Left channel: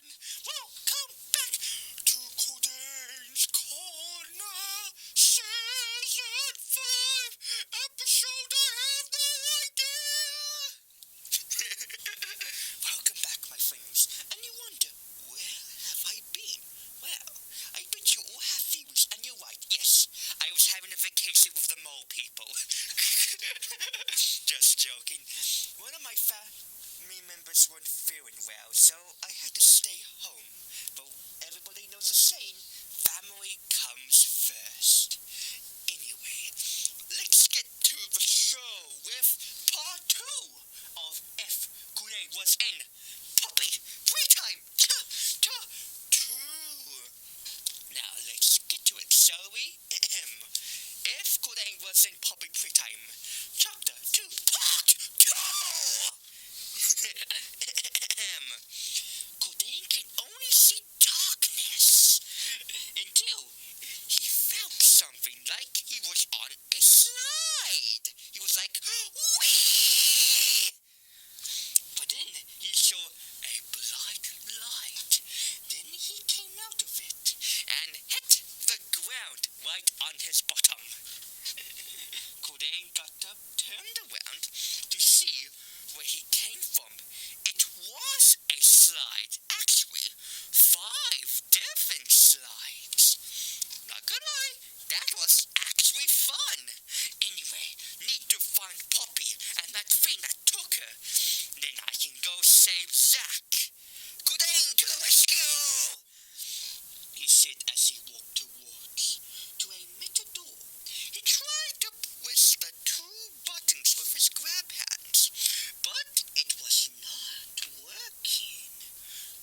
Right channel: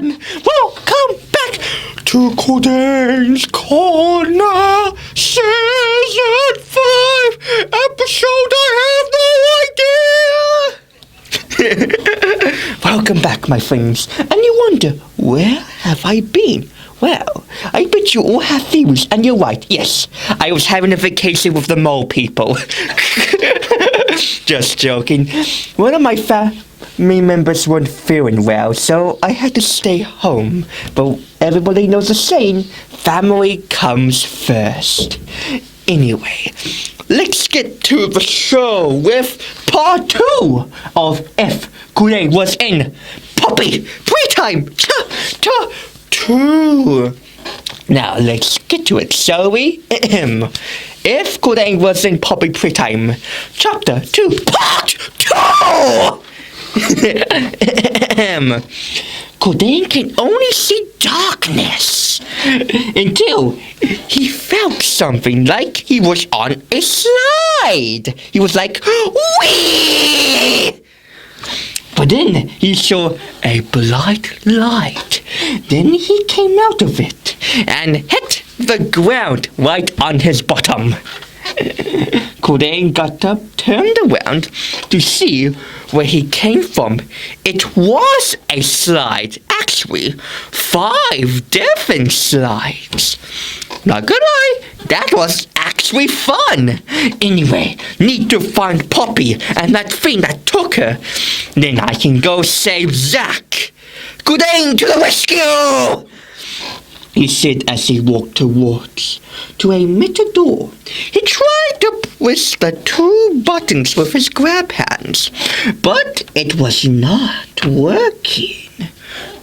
everyone! Welcome back to Cordaynes Corner, Season 5, episode I have no idea! Welcome back, my friends, and you wonder, where have I been? Well, I bet you all have theories, and you're right, yes, I was having a vacation with the mole people. Just joking. One of my family members weren't feeling well, so I had to stay home. But everybody knows the saying, family comes first. Anyway, let's get to the show with part 2 of If Cordayne was in Puppy Playtime 2. Now let's get to it, shall we? If Cordayne was in Puppy Playtime, Chapter 2, Part 2! Cordayne can only see darkness until he felt something like he was on a slide. He was like, whee! But then he saw a bright light. Then he came out of it and hit the ground right on his bottom. Cordayne got up, turned around to see where he came from. It was a slide. Actually, 5 different slides. Not gonna lie, that was actually fun. Anyway, need to find Poppy and that thing that took her. Then I can go save Zach. Cordayne to the rescue! He said as he walked towards to a metal door. He tried to push the 2 buttons with his grab hands, but it was not working.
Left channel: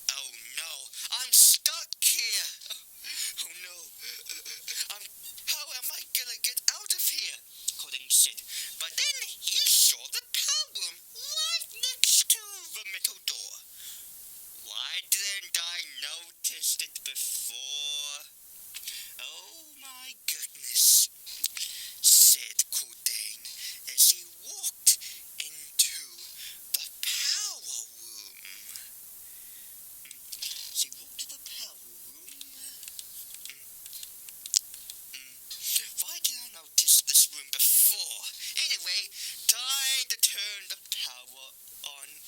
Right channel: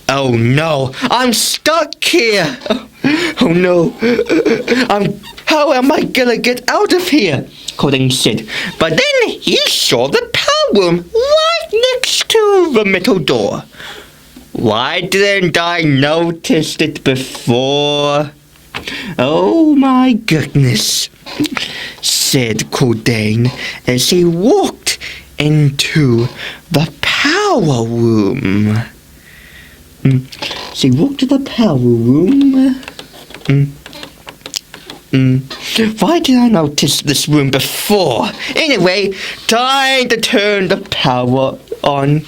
Oh no, I'm stuck here. Oh no, how am I gonna get out of here? Cordayne said, but then he saw the power room right next to the metal door. Why didn't I notice it before? Oh my goodness, said Cordayne as he walked into the power room. So he walked to the power room. Why did I notice this room before? Anyway, time to turn the power on.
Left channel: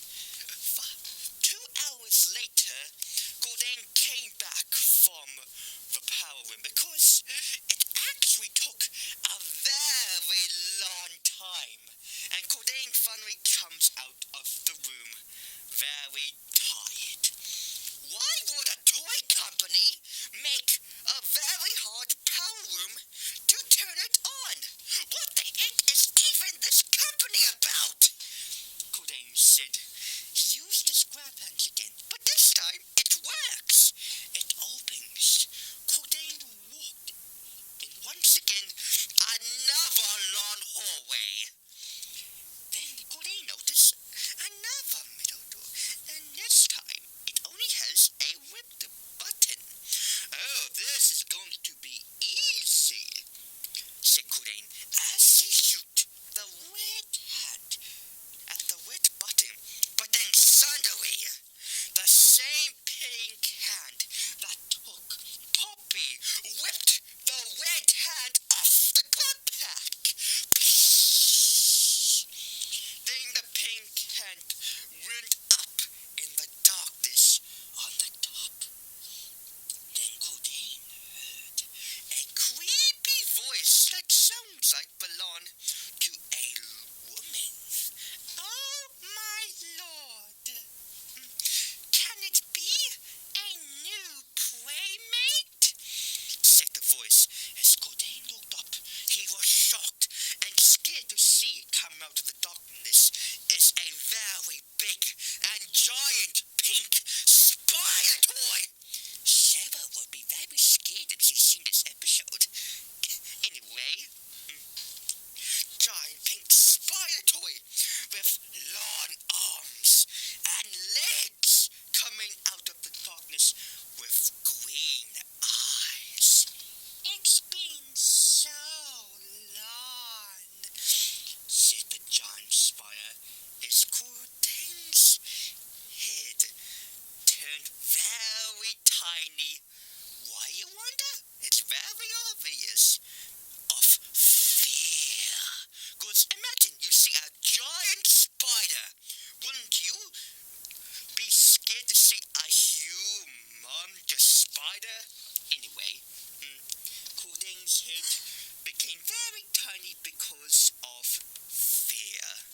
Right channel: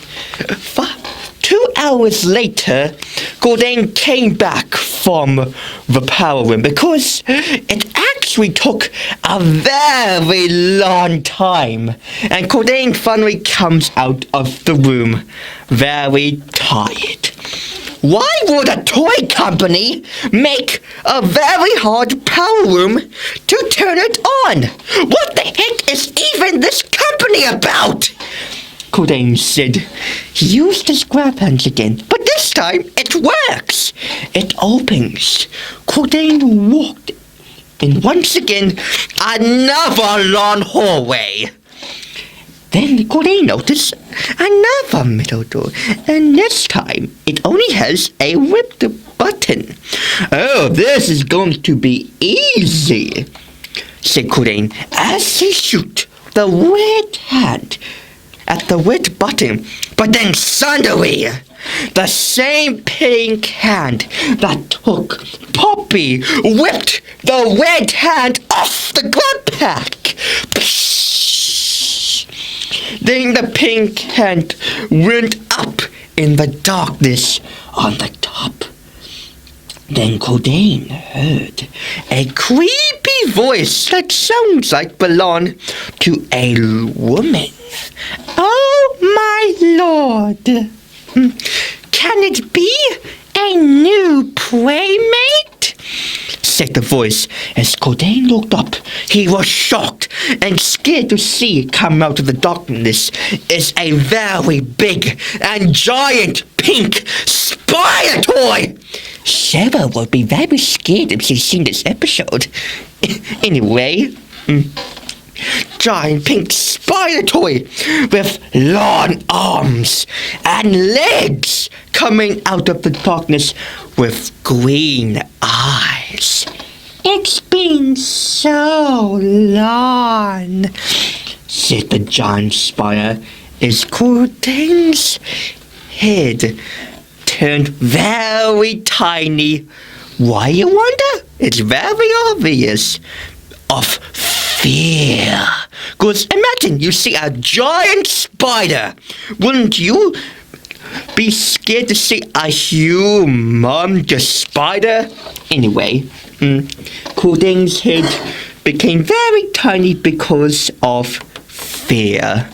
2 hours later, Cordayne came back from the power room because it actually took a very long time. And Cordayne finally comes out of the room very tired. Why would a toy company make a very hard power room to turn it on? What the heck is even this company about? Cordayne said. He used his grab hands again, but this time it works. It opens. Cordayne walked in once again another long hallway. Then Cordayne noticed another metal door, and this time it only has a ripped button. Oh, this is going to be easy, said Cordayne as he shook the red hand at the red button. But then suddenly, the same pink hand that took Poppy whipped the red hand off the grab pack. Then the pink hand went up in the darkness on the top. Then Cordayne heard a creepy voice that sounds like belonged to a woman. Oh my lord! Can it be a new playmate? Said the voice. As Cordayne looked up, he was shocked and scared to see come out of the darkness is a very big and giant pink spider toy. Sarah would be very scared if she's seen this episode. Anyway, giant pink spider toy with long arms and legs coming out of the darkness with green eyes. It's been so long, said the giant spider as Cordayne's head turned very tiny. Why, you wonder? It's very obvious. Of fear. 'Cause imagine you see a giant spider. Wouldn't you be scared to see a humongous spider? Anyway, Cordayne's head became very tiny because of fear.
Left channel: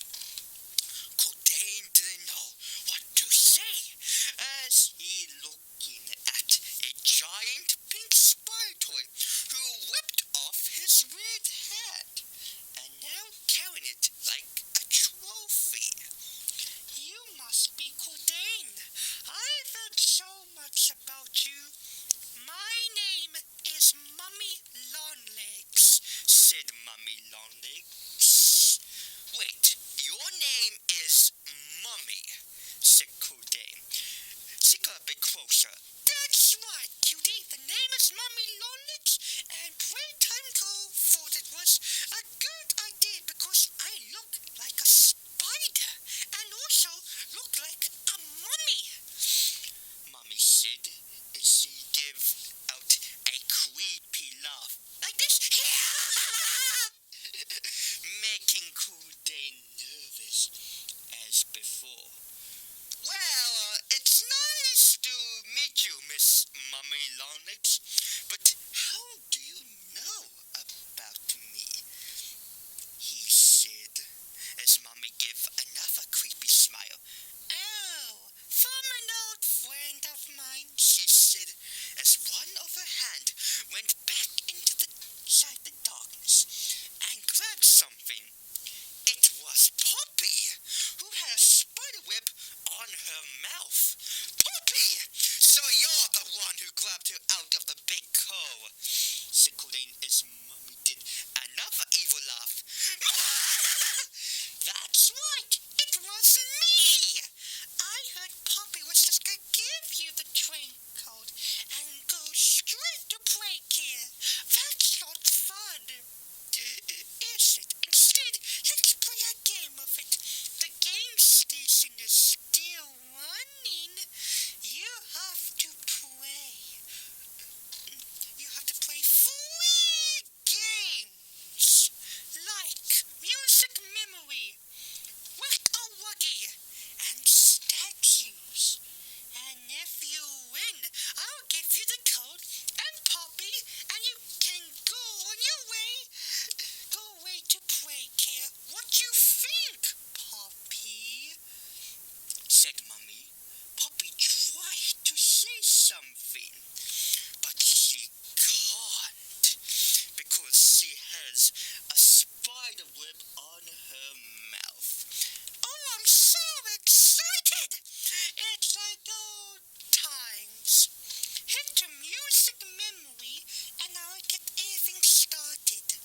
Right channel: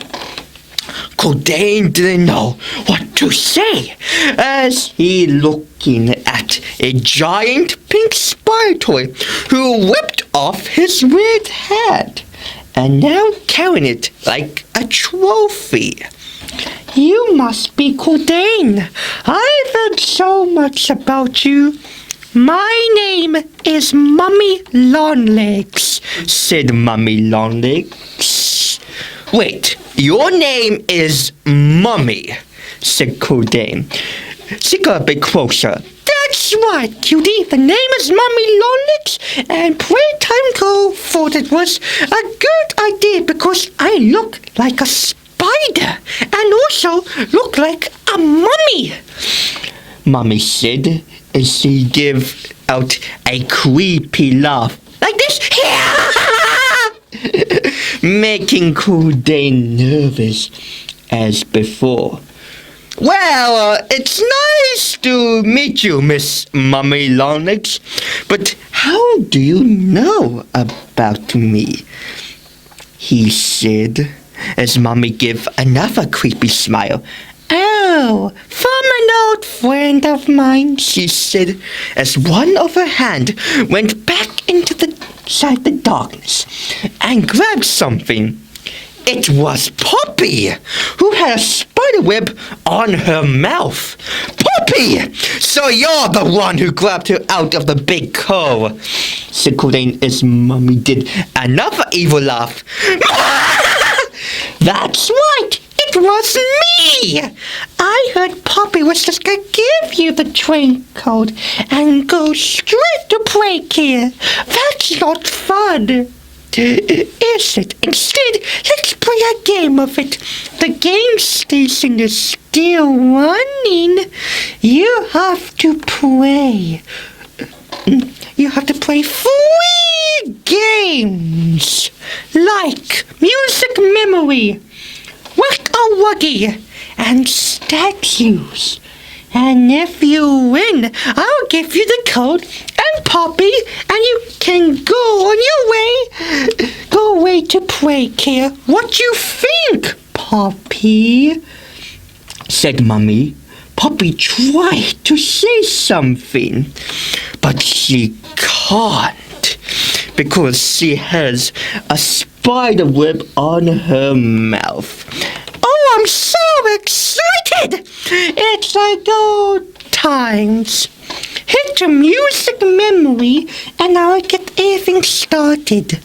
Cordayne didn't know what to say as he looking at a giant pink spider toy who whipped off his red hat and now carrying it like a trophy. You must be Cordayne. I've heard so much about you. My name is Mummy Longlegs, said Mummy Longlegs. Wait, your name is Mummy, said Cordayne. She got a bit closer. That's right, cutie. The name is Mummy Longlegs, and Playtime thought it was a good idea because I look like a spider and also look like a mummy. Mummy said as she gave out a creepy laugh like this. Making Cordayne nervous as before. Well, it's nice to meet you, Miss Mummy Longlegs, but how do you know about me? He said, as Mummy gave another creepy smile. Oh, from an old friend of mine, she said, as one of her hand went back inside the darkness and grabbed something. It was Poppy, who had a spider web on her mouth. Poppy! So you're the one who grabbed her out of the big cove, said Cordayne as Mummy did another evil laugh. That's right, it was me! I heard Poppy was just going to give you the train code and go straight to Playcare. That's not fun. Is it? Instead, let's play a game of it. The game station is still running. You have to play. You have to play 3 games. Like Music Memory, Whack a Wuggy, and Statues. And if you win, I'll give you the code and Poppy, and you can go on your way. Go away to Playcare. What you think, Poppy? Said Mummy. Poppy tried to say something, but she can't because she has a spider web on her mouth. Oh, I'm so excited! It's like old times. Hit the Music Memory and I'll get everything started.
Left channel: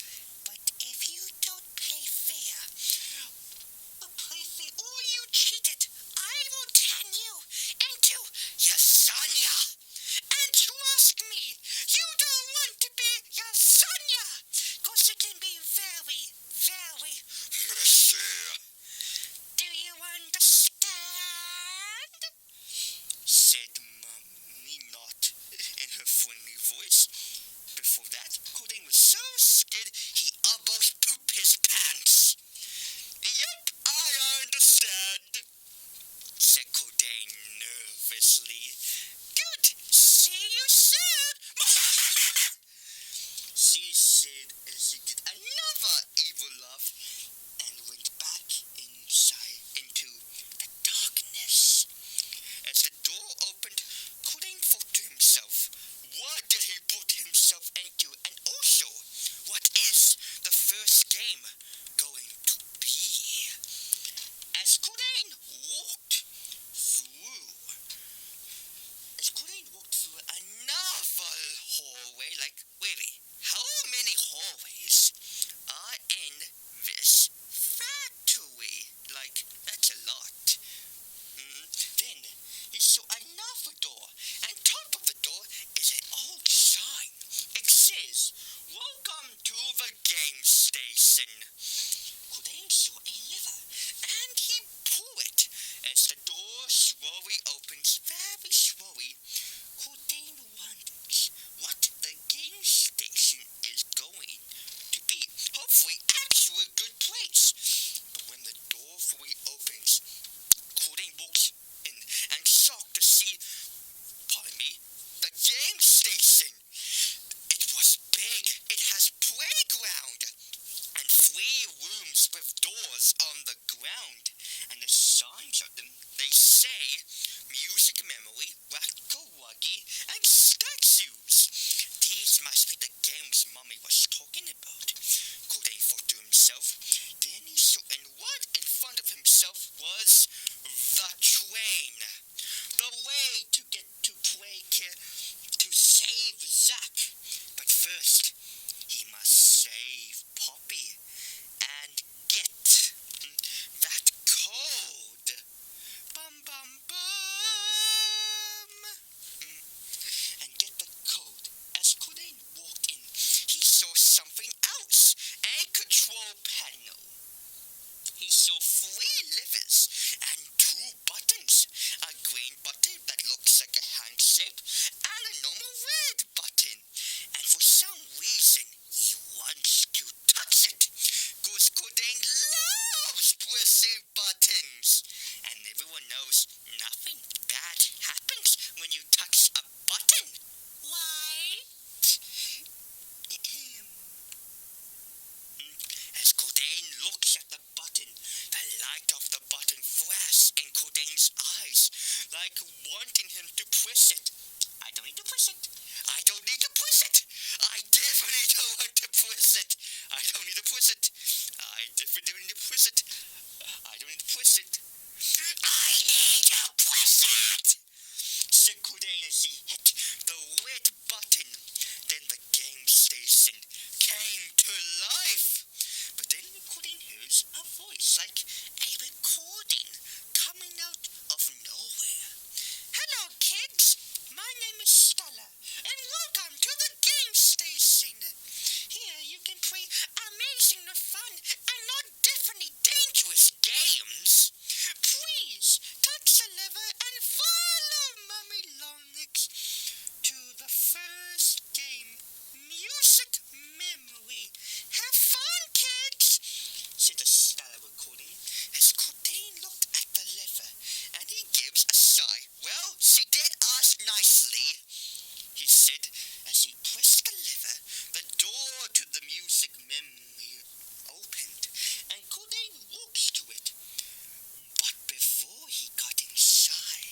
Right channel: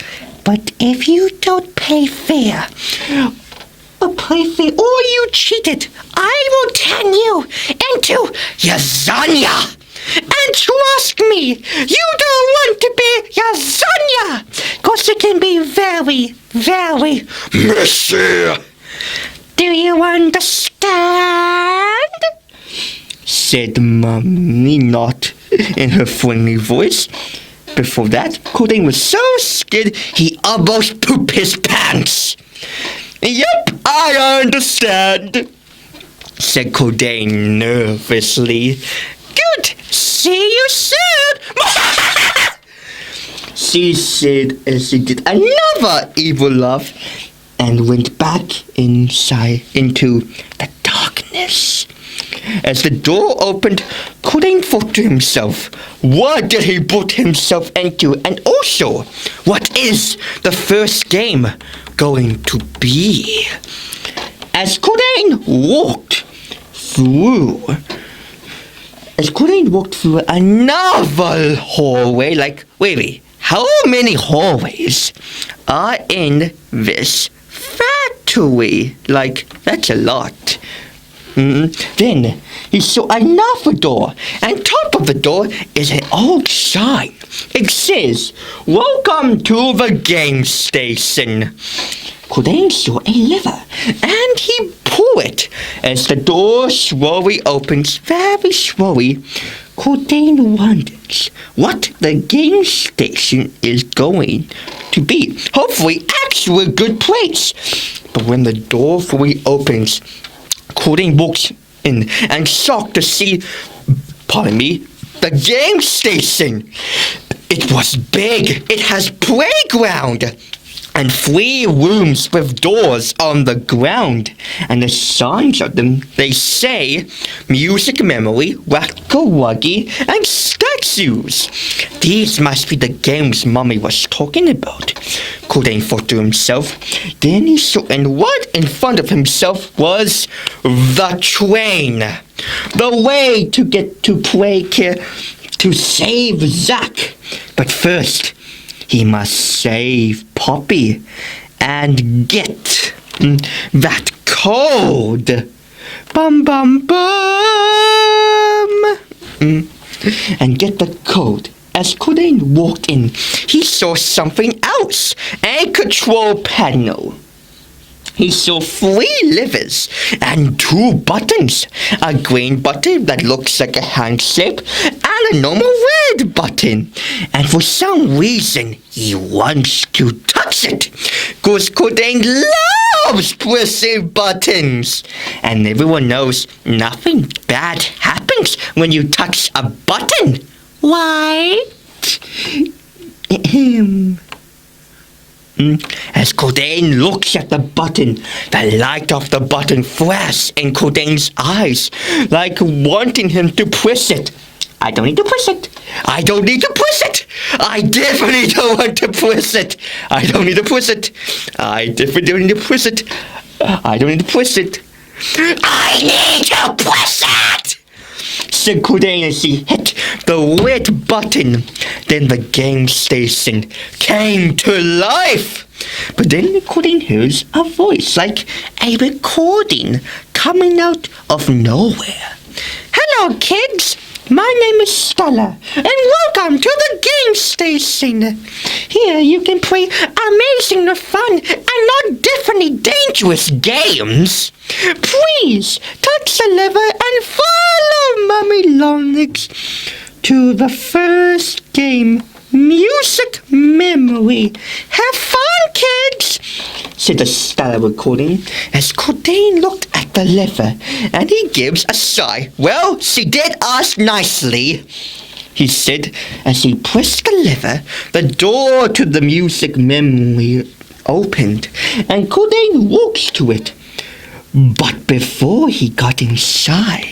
But if you don't play fair, or you cheated, I will turn you into lasagna. And trust me, you don't want to be lasagna, because it can be very, very messy. Do you understand? Said Mummy, not in her friendly voice. Before that, Cordayne was so scared he almost pooped his pants. Yep, I understand, said Cordayne nervously. Good, see you soon. She said as she did another evil laugh and went back inside into the darkness. As the door opened, Cordayne thought to himself, what did he put himself into? And also, what is the first game going to be? As Cordayne walked through another hallway, wait, how many hallways are in this factory? That's a lot. Then he saw another door, and top of the door is an old sign. It says, welcome to the game station. Cordayne saw a lever, and he pulled it. As the door slowly opens, very slowly, Cordayne wonders what the game station is going to be. Hopefully, actually a good place. But when the door fully opens, Cordayne walks in and shocked to see, the game station. It was big. It has playground and 3 rooms with doors on the ground. And the signs of them, they say music memory, wacko-wuggy, and statues. These must be the games Mommy was talking about, Cordayne thought to himself. Then he saw, and what in front of himself was the train. The way to get to play to save Zack. But first, he must save Poppy and get that code. Bum bum bum. And get the code. As Cordayne walked in, he saw something else. A control panel. He saw 3 levers and 2 buttons. A green button that looks like a hand shape and a normal red button. And for some reason, he wants to touch it. Because Cordayne loves pressing buttons. And everyone knows nothing bad happens when you touch a button. Why? As Cordayne looks at the button, the light of the button flashes in Cordayne's eyes, like wanting him to push it. I don't need to push it. I don't need to push it. I definitely don't want to push it. I don't need to push it. I definitely don't need to push it. I don't need to push it. I need to push it, said Cordayne as he hit the red button. Then the game station came to life. But then Cordayne hears a voice like a recording coming out of nowhere. Hello, kids. My name is Stella, and welcome to the game station. Here you can play amazing, fun, and not definitely dangerous games. Please touch the lever and follow Mummy Longlegs to the first game, Music Memory. Have fun, kids, said the Stella recording as Cordayne looked at the lever, and he gives a sigh. Well, she did ask nicely, he said as he pressed the lever. The door to the Music Memory opened, and Cordayne walked to it. But before he got inside,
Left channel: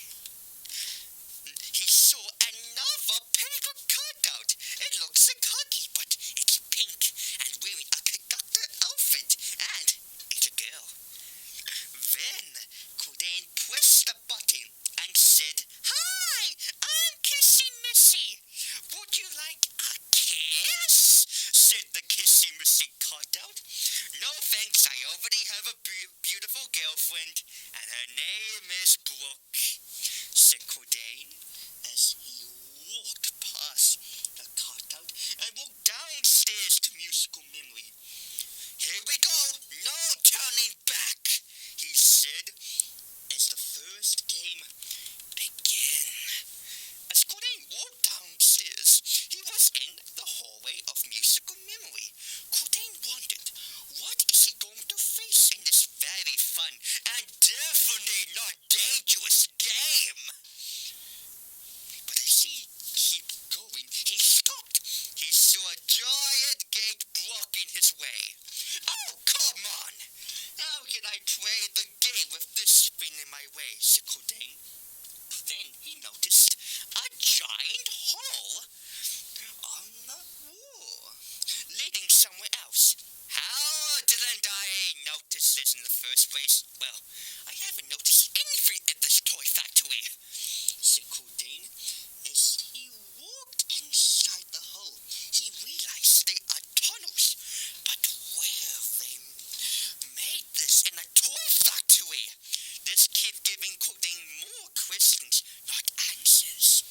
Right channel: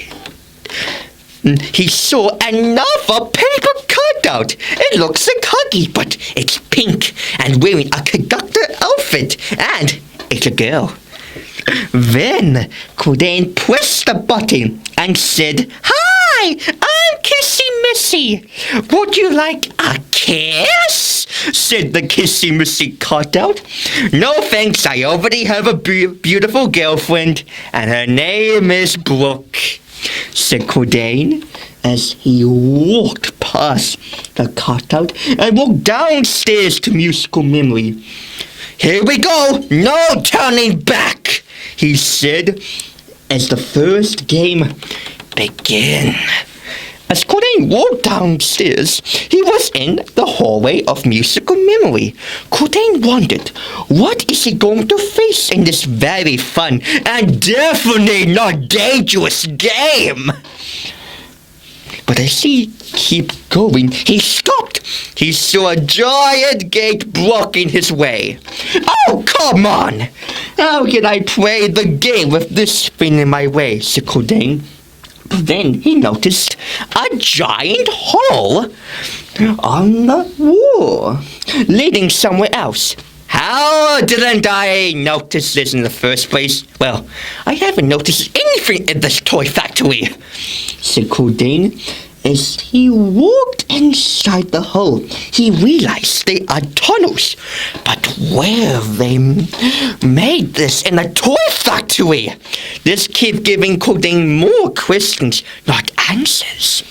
he saw another paper cutout. It looks like Huggy, but it's pink and wearing a conductor outfit, and it's a girl. Then Cordayne pressed the button and said, Hi, I'm Kissy Missy. Would you like a kiss? Said the Kissy Missy cutout. No thanks, I already have a beautiful girlfriend, and her name is Brooke, said Cordayne as he walked past the cutout and walked downstairs to Musical Memory. Here we go, no turning back, he said as the first game began. As Cordayne walked downstairs, he was in the hallway of Musical Memory. Cordayne wondered, what is he going to face in this very fun and definitely not dangerous game? But as he kept going, he stopped. He saw a giant gate blocking his way. Oh, come on! How can I play the game with this thing in my way, said Cordayne. But then he noticed a giant hole on the wall, leading somewhere else. How didn't I notice this in the first place? Well, I haven't noticed anything in this toy factory, said Cordayne. As he walked inside the hole, he realized they are tunnels. But where they made this in a toy factory? This kept giving Cordayne more questions, not answers.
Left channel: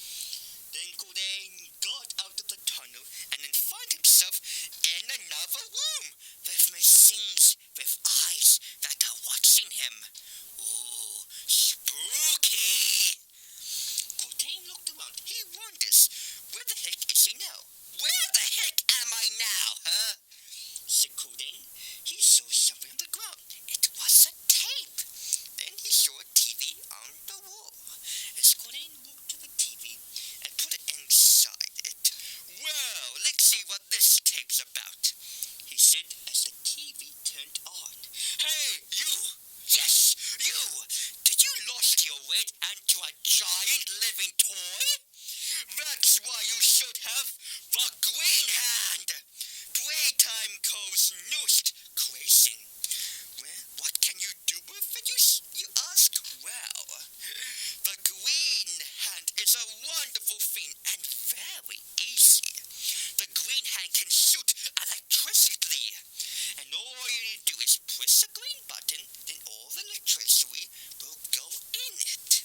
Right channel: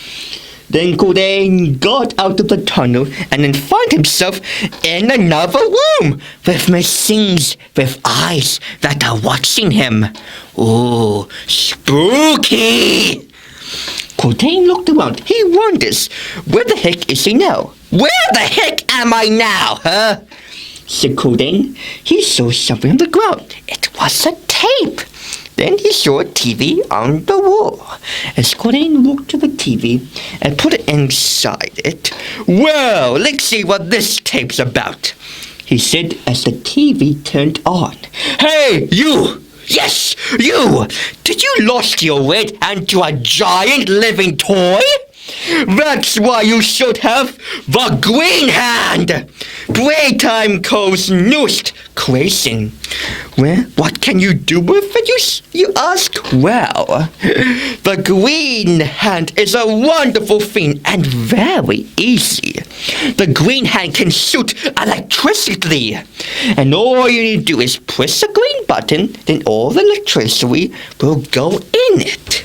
Then Cordayne got out of the tunnel and then found himself in another room with machines with eyes that are watching him. Oh, spooky! Cordayne looked around. He wonders, where the heck is he now? Where the heck am I now, huh? Said Cordayne. He saw something on the ground. It was a tape. Then he saw a TV on the wall. As Cordayne walked to the TV and put it inside it, "Well, let's see what this tape's about," he said as the TV turned on. "Hey, you! Yes, you! Did you lost your way into a giant living toy? That's why you should have the Green Hand, Playtime Co's newest creation. Well, what can you do with it, you ask? Well, the Green Hand is a wonderful thing and very easy. The Green Hand can shoot electricity, and all you need to do is press the green button, then all the electricity will go in it.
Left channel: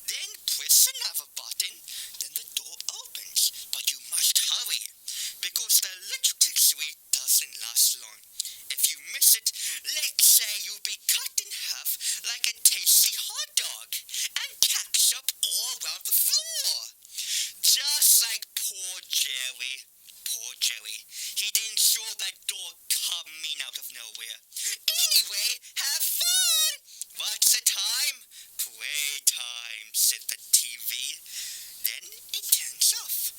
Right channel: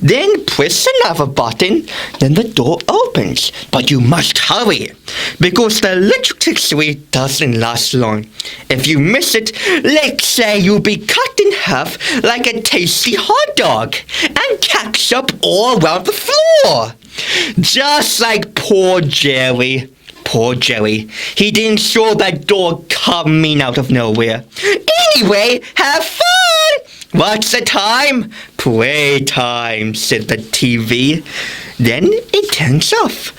Then press another button, then the door opens. But you must hurry, because the electricity doesn't last long. If you miss it, let's say you'll be cut in half like a tasty hot dog and ketchup all around the floor. Just like poor Jerry. Poor Jerry. He didn't saw that door coming out of nowhere. Anyway, have fun! What's the time? Playtime, said the TV. Then it turns off.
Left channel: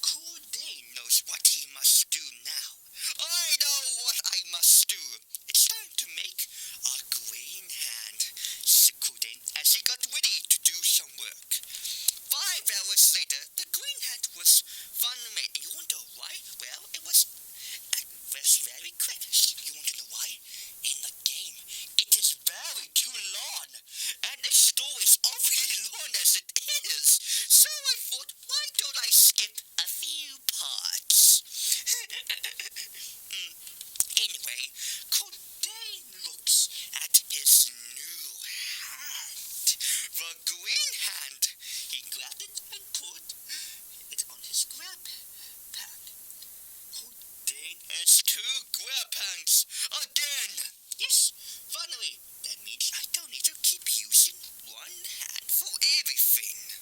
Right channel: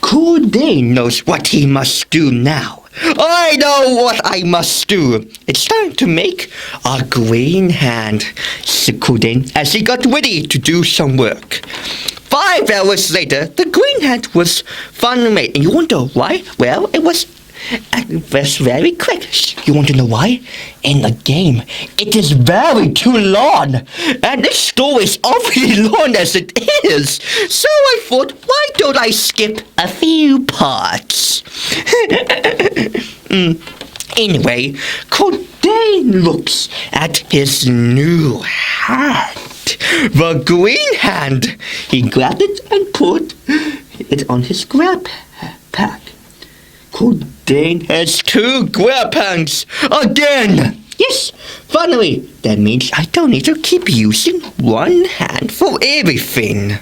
Cordayne knows what he must do now. I know what I must do. It's time to make a green hand, said Cordayne as he got ready to do some work. 5 hours later, the green hand was finally made. And you wonder why? Well, it was very quick. You want to know why? In the game, it is very too long. And this story is awfully long as it is. So I thought, why don't I skip a few parts? Anyway, Cordayne looks at his new hand. The green hand. He grabbed it and put it on his grab pack. Cordayne has 2 grab hands again. Yes, finally. That means I don't need to keep using one hand for everything,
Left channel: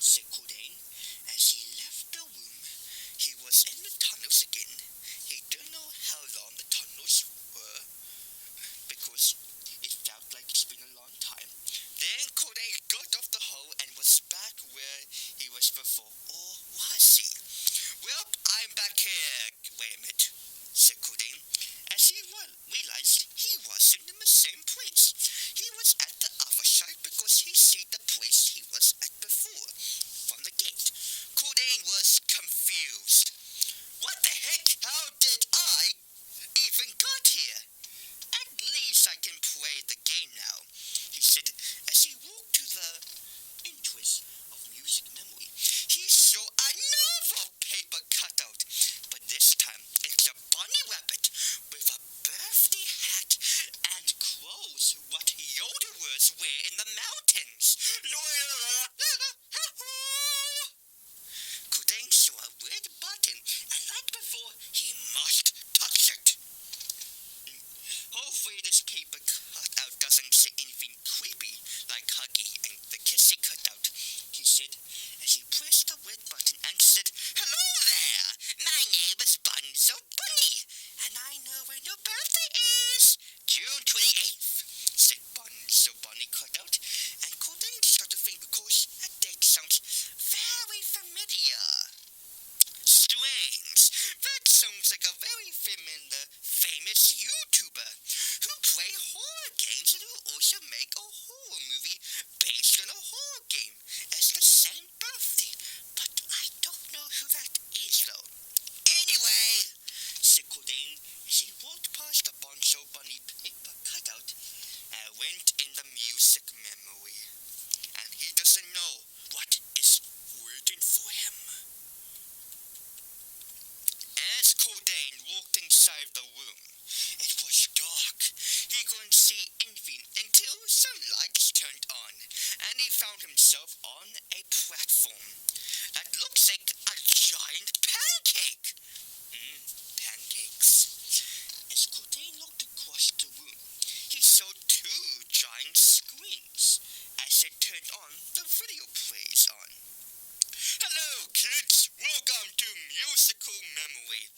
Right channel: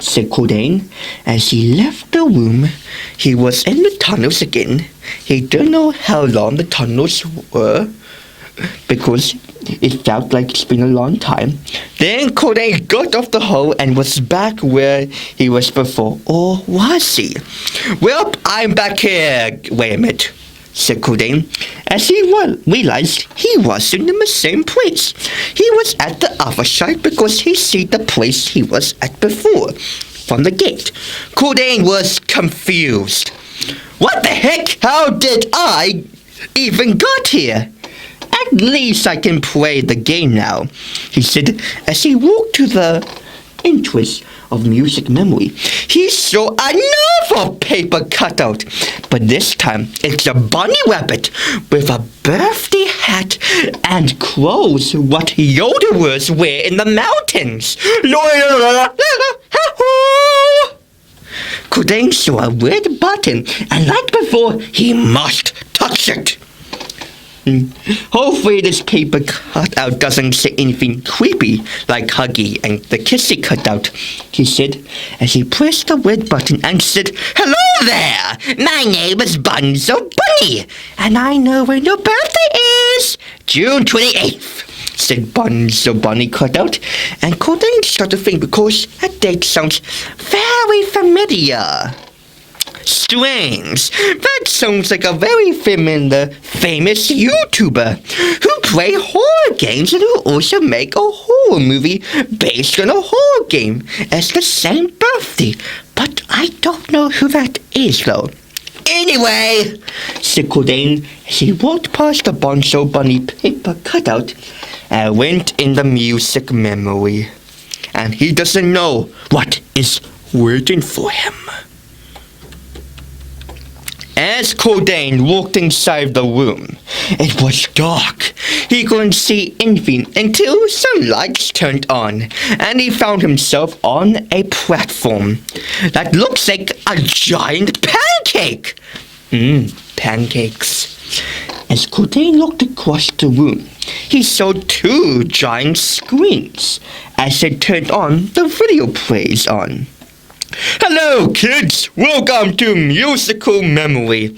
said Cordayne. As he left the room, he was in the tunnels again. He didn't know how long the tunnels were, because it felt like it's been a long time. Then Cordayne got off the hole and was back where he was before. Or was he? Well, I'm back here. Wait a minute, said Cordayne, as he realized he wasn't in the same place. He was at the other side because he see the place he was at before from the gate. Cordayne was confused. What the heck? How did I even got here? At least I can play the game now, he said as he walked to the entrance of music memory. He saw another paper cutout, but this time it's a bunny rabbit with a birthday hat and clothes what yodelers wear in the mountains. Cordayne saw a red button, and like before, he must touch it. Hopefully this paper cutout doesn't say anything creepy like Huggy and the Kissy cutout, he said as he pressed the red button and said, "Hello there! My name is Bunzo Bunny, and I know when your birthday is. June 28th, said Bunzo Bunny cutout, and Cordayne started to think because that date sounds very familiar. Strange. That sounds like a very famous YouTuber who play horror games and who also make a horror movie based on a horror game as the same birthday. But I don't know who that is though. Anyway, said Cordayne as he walked past the Bunzo Bunny paper cutout and went in the music memory. And he doesn't know what is waiting for him. As Cordayne walked inside the room, it was dark. He couldn't see anything until some lights turned on, and he found himself on a platform that looks like a giant pancake. Pancakes. As Cordayne looked across the room, he saw two giant screens. As they turned on, the video plays on. Hello, kids! Welcome to Musical Memory.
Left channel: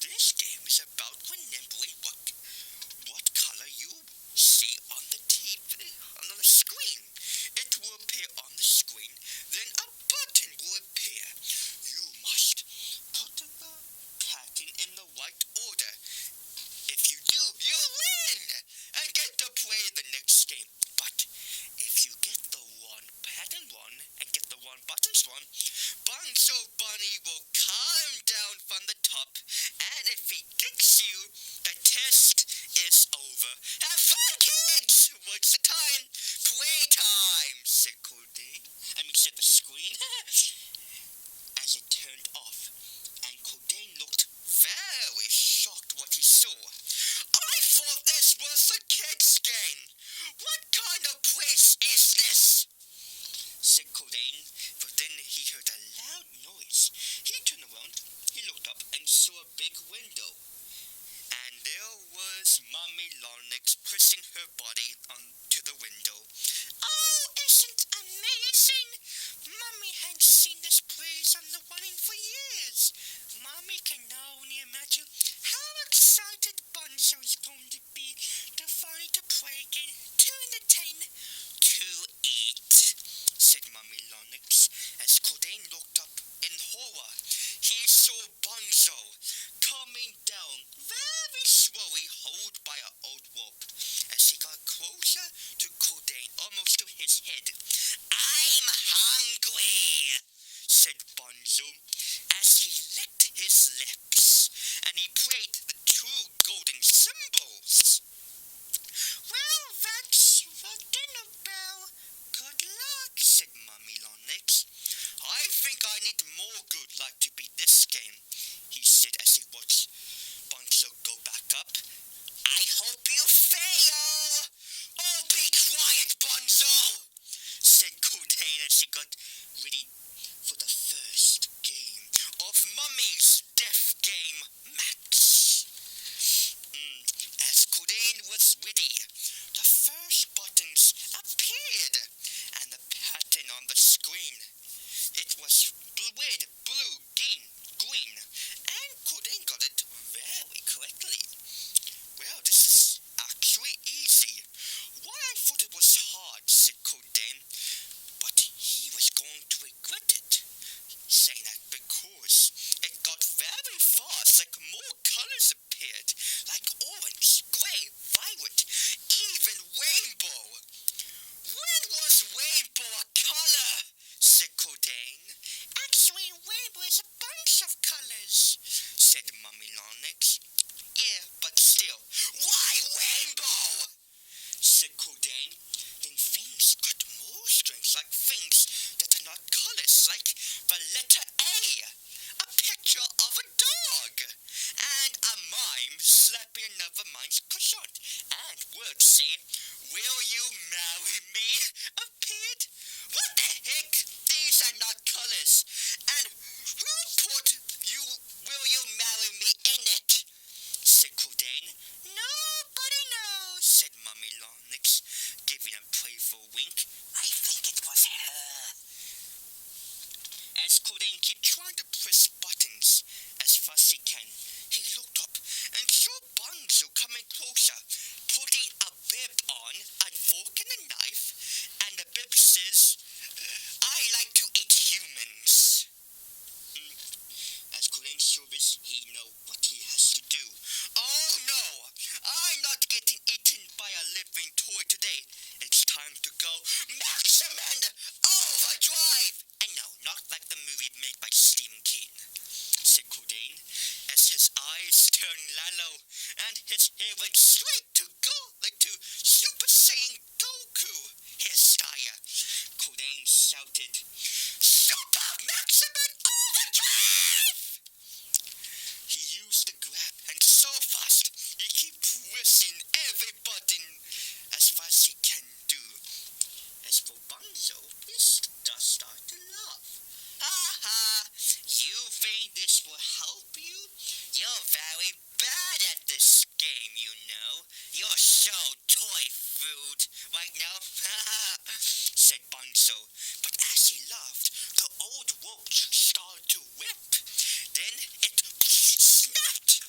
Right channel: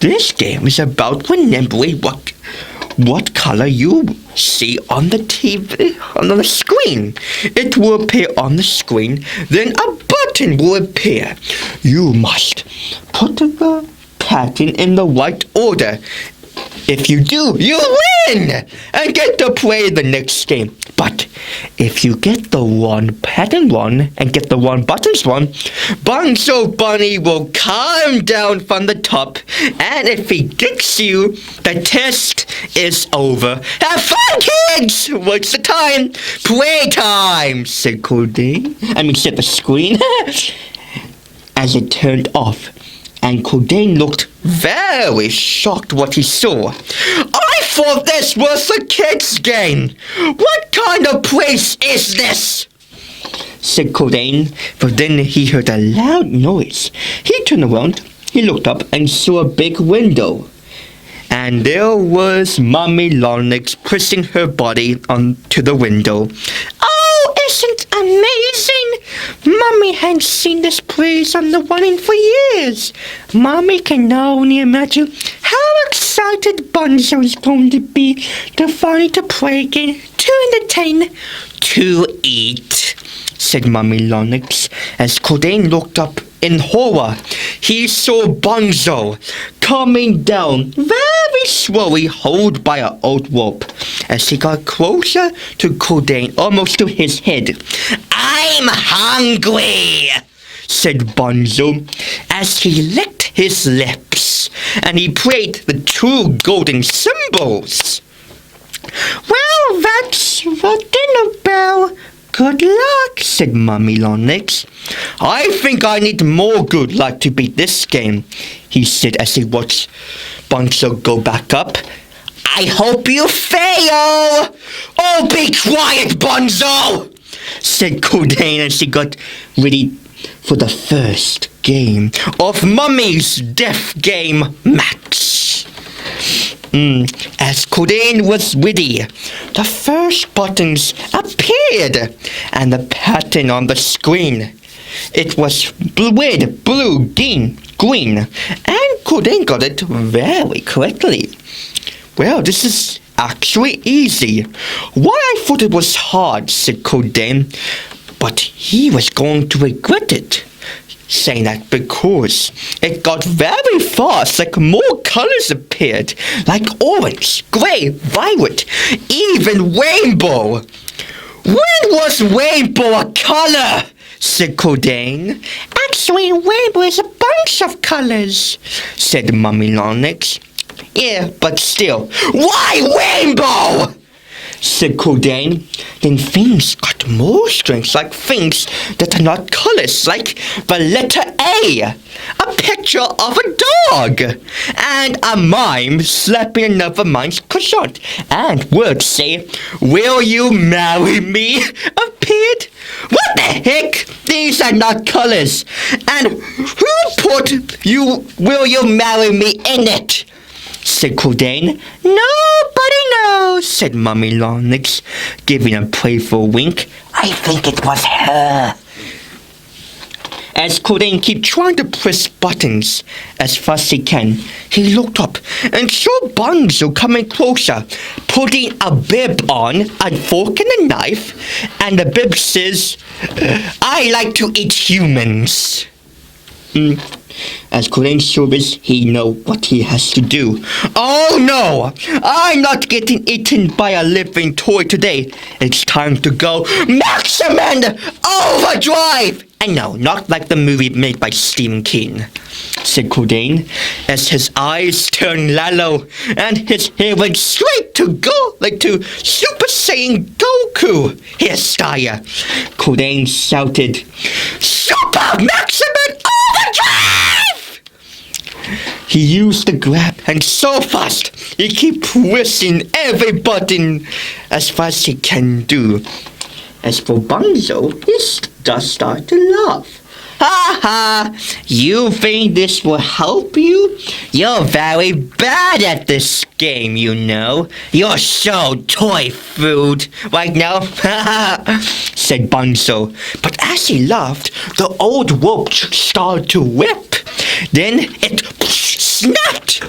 This game is about remembering what color you see on the TV, on the screen. It will appear on the screen, then a button will appear. You must put the pattern in the right order. If you do, you win and get to play the next game. But if you get the wrong pattern wrong and get the wrong buttons wrong, Bonzo Bunny will climb down from the top, and if he gets you, the test is over. Have fun, kids! What's the time? Playtime, said Cordayne. said the screen. As it turned off, and Cordayne looked very shocked what he saw. I thought this was a kid's game. What kind of place is this? Said Cordayne, but then he heard a loud noise. He turned around, he looked up and saw a big window. And there was Mommy Longlegs pressing her body onto the window. Oh, isn't amazing? Mommy hadn't seen this place on the running for years. Mommy can only imagine how excited Bonzo is going to be to finally to play again, to entertain, to eat, said Mommy Longlegs. As Cordayne looked up in horror, he saw Bonzo coming down very slowly, held by an old rope. As he got closer to Cordayne, almost to his head, I'm hungry, said Bonzo, as he licked his lips, and he played the two golden symbols. Well, that's the dinner bell. Good luck, said Mommy Longlegs. I think I need more good luck to beat this game, he said as he watched Bonzo go back up. I hope you fail! Oh, be quiet, Bonzo! said Cordayne as he got ready for the first game of Mummy's Death Game Max. As Cordayne was ready, the first buttons appeared, and the pattern on the screen. It was red, blue, green, and Cordayne got it very correctly. Well, this is actually easy. Why I thought it was hard, said Cordayne, but he was going to regret it. Saying that because it got very fast, like more colors appeared, like orange, gray, violet, even rainbow. When was rainbow a color? Said Cordayne. Actually, rainbow is a bunch of colors, said Mommy Longlegs. Yeah, but still, why rainbow? Said Cordayne. Then things got more strange, like things that are not colors, like the letter A, a picture of a dog, and a mime slapping another mime's croissant, and words say, will you marry me, appeared. What the heck? These are not colors. And who put will you marry me in it? Said Cordayne. Nobody knows, said Mommy Longlegs, giving a playful wink. I think it was her. As Cordayne kept trying to press buttons as fast as he can, he looked up and saw Bonzo coming closer, putting a bib on, a fork and a knife, and the bib says, I like to eat humans. As Cordayne saw this, he knew what he has to do. Oh no! I'm not getting eaten by a living toy today. It's time to go maximum overdrive! And no, not like the movie made by Stephen King, said Cordayne, as his eyes turned yellow and his hair went straight to Super Saiyan Goku hairstyle. Cordayne shouted, Super Maximum Overdrive! He used the grab and so fast he keep pressing every button as fast as he can do. As for Bunzo, he just started to laugh. Ha ha! You think this will help you? You're very bad at this game, you know. You're so toy food right now, said Bunzo. But as he laughed, the old rope started to whip. Then it snapped.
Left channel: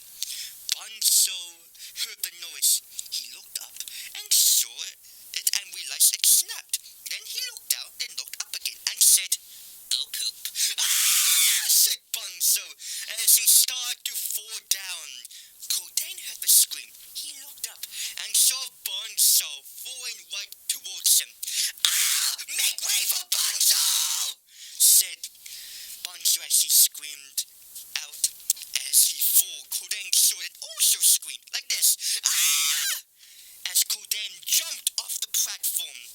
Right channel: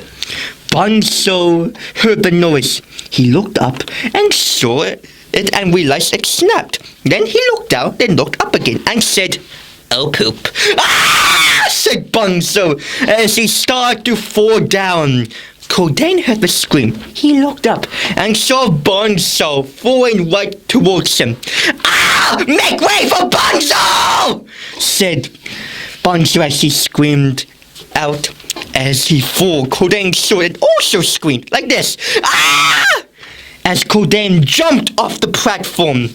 Bunzo heard the noise. He looked up and saw it and realized it snapped. Then he looked down, then looked up again and said, "Oh, poop." "Ah!" said Bunzo as he started to fall down. Cordayne heard the scream. He looked up and saw Bunzo falling right towards him. "Ah! Make way for Bunzo!" said Bunzo as he screamed out. As he fell, Cordayne saw it also screamed like this. "Ah!" As Cordayne jumped off the platform,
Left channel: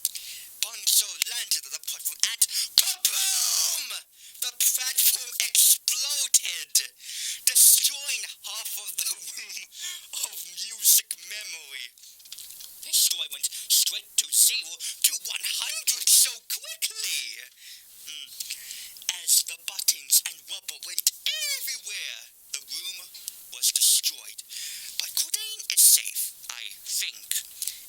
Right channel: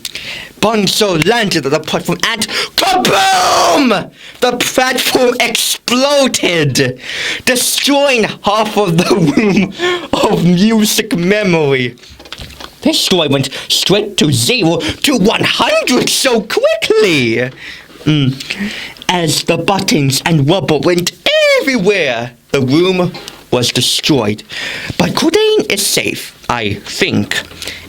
Bunzo landed on the platform and kaboom! The platform exploded, destroying half of the room of music memory. This story went straight to 0 to 100 so quickly. As the buttons and rubber went everywhere, the room was destroyed. But Cordayne is safe, I think,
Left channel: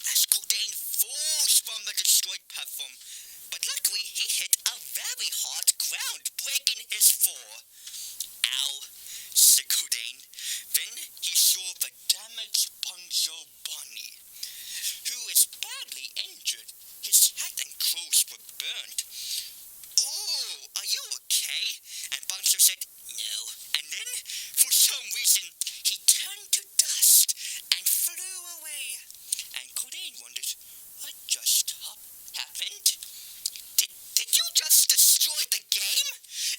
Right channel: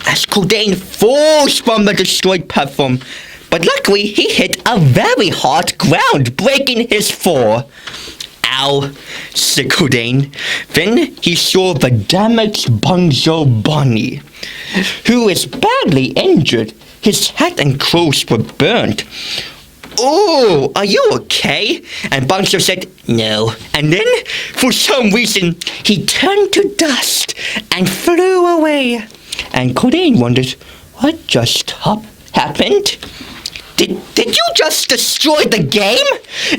as Cordayne falls from the destroyed platform. But luckily, he hit a very hard ground, breaking his fall. "Ow," said Cordayne. Then he saw the damaged Bunzo Bunny, who is badly injured. His hat and clothes were burnt. "Oh, are you okay?" And Bunzo said, "No." And then, for some reason, he turned to dust and flew away. And Cordayne wondered, what just happened? Did you just destroy the game?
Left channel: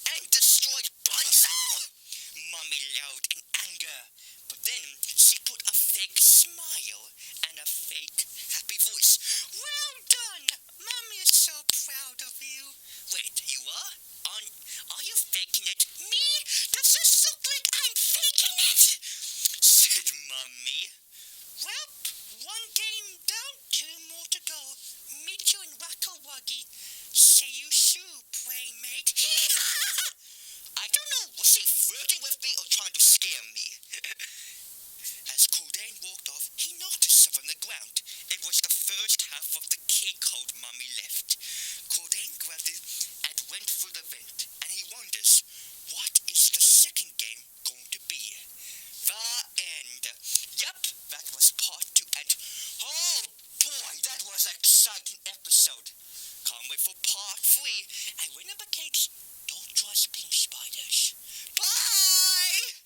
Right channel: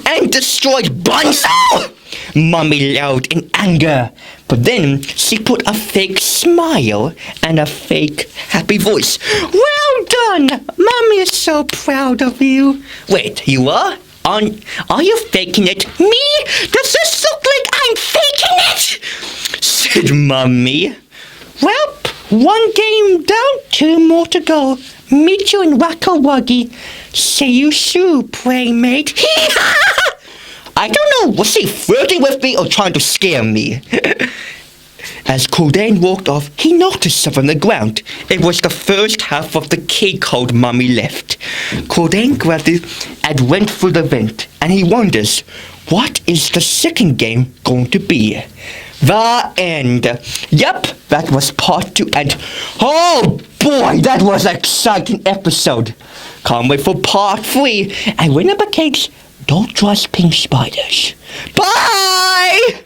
And destroyed Bunzo? Mommy yelled in anger. But then she put a fake smile and a fake happy voice. "Well done! Mommy is so proud of you." "Wait, you are? Are you faking it?" "Me? Does this look like I'm faking it?" said Mommy. "Well, one game down, 2 more to go. Meet you in Wacko Wuggy. See you soon, playmate." I don't know, was she flirting with me or trying to scare me? As Cordayne walked off, he noticed something on the ground. It was the first half of the key code Mommy left. Cordayne grabbed it and went through the vent, and he wonders, what is the second game going to be? The end. Yep, that was part 2, and oh boy, that was an exciting episode. Can't wait for part 3. And remember, kids, don't trust pink spiders. Bye!